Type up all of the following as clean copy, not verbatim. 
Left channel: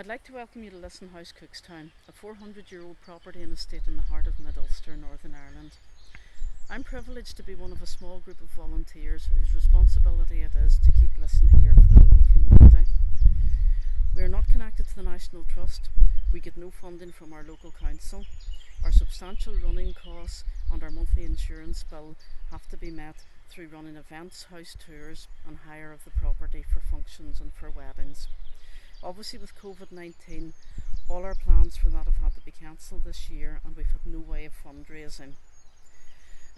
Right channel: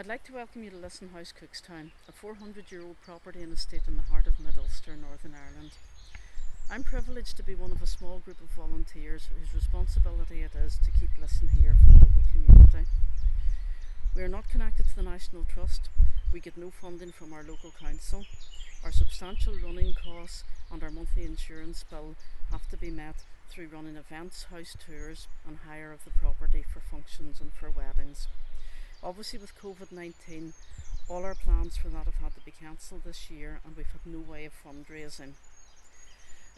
I'd like to welcome you to Lissan House, Cookstown, a 400-year-old property and estate in the heart of Mid-Ulster, Northern Ireland. I'm privileged to be one of a small group of volunteers whose responsibility it is to keep Lissan here for the local community. We are not connected to the National Trust. We get no funding from our local council. Our substantial running costs and our monthly insurance bill have to be met through running events, house tours and hire of the property for functions and for weddings. Obviously with COVID-19, all our plans for that have had to be cancelled this year and we've had no way of fundraising.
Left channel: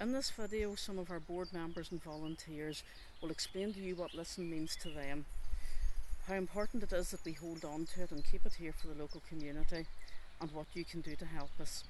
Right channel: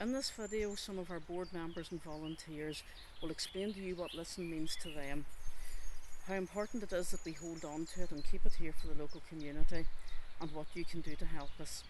In this video, some of our board members and volunteers will explain to you what Lissan means to them, how important it is that we hold on to it and keep it here for the local community, and what you can do to help us.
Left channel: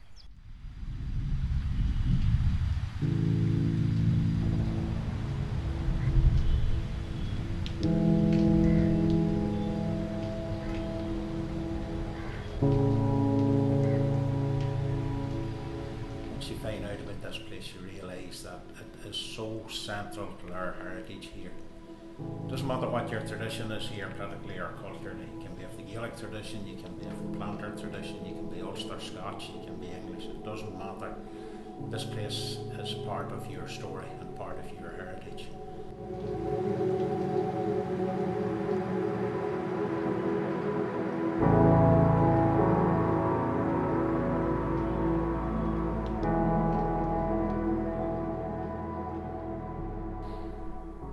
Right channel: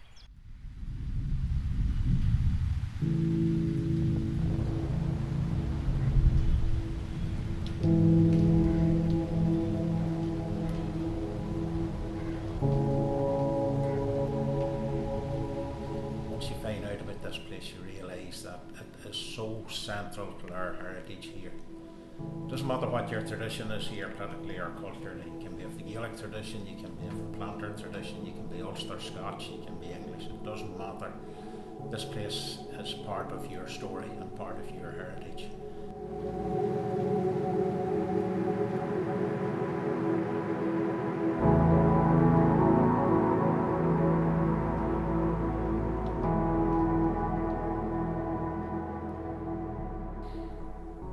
Once you find out about this place, you realise that it is so central to our heritage here. It doesn't matter what your tradition is here, politically or culturally. You can be of the Gaelic tradition, you can be of the planter tradition, you can be Ulster Scotch, you can be English, it doesn't matter. This place is part of your story and part of your heritage.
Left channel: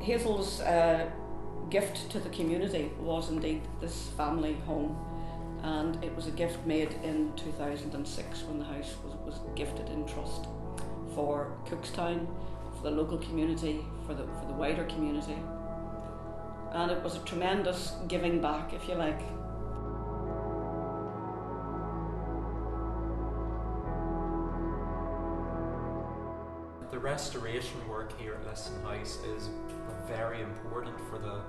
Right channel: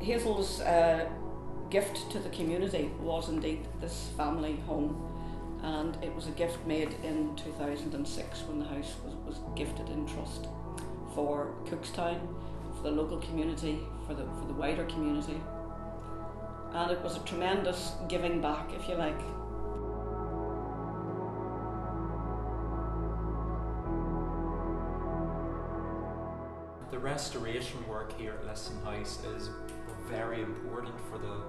Hazel's gift to the community was indeed this family home, and it was a gift made in 2006 when the house was gifted in trust for Cookstown, for the local community, for the wider community, and it was a tremendous giving back, if you like. The restoration work here at Lissan House is very important for the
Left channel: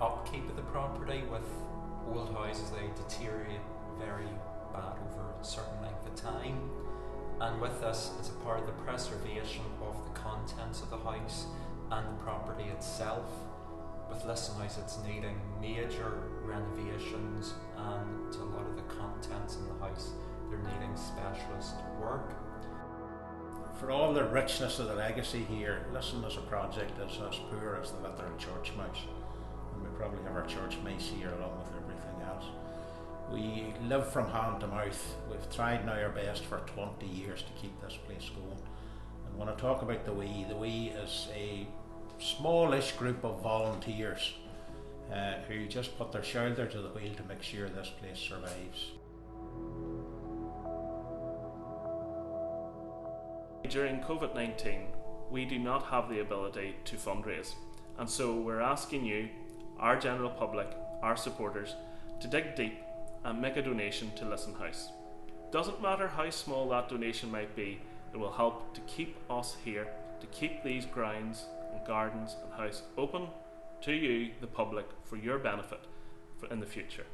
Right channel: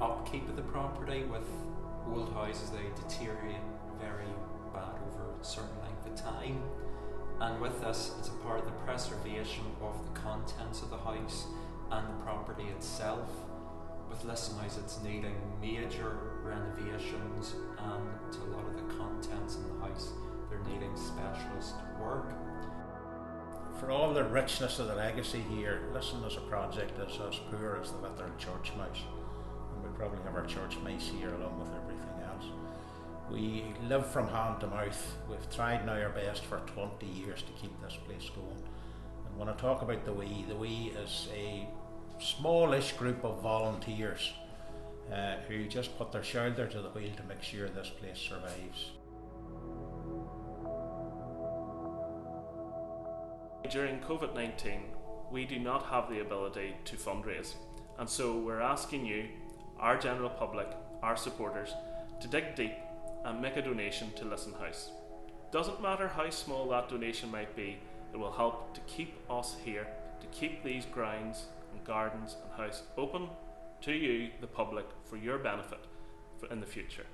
upkeep of the property. With old houses, they deteriorate very bad over a certain length of time, and with this it's a part of the preservation of the contents of the house and the property itself. With Lissan House, it's needing major renovations, and to a lot of the contents in the house they're needing specialist work. For all the richness of the legacy here, Lissan as a project is as poor as the literal church mouse, and we probably have our church mice here along with everything else. We live from hand to mouth. We've tried now our best for 20 years to keep this place going, and when I talk about the we is a smallish group of volunteers who just put their shoulder to the wheel to make sure this place survives. During COVID-19, we do not have the ability to fundraise, and so we're asking you, our general public, our supporters, to dig deep and make a donation to Lissan House. Doesn't matter how small that donation might be, it will help to keep us here, to keep these grounds and gardens and house open to you, the public, for your benefit in the future.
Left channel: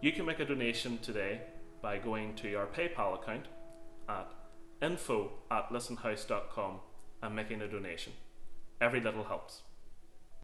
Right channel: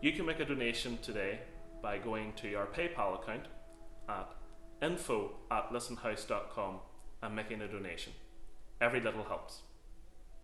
You can make a donation today by going to our PayPal account at info@lissanhouse.com and making a donation. Every little helps.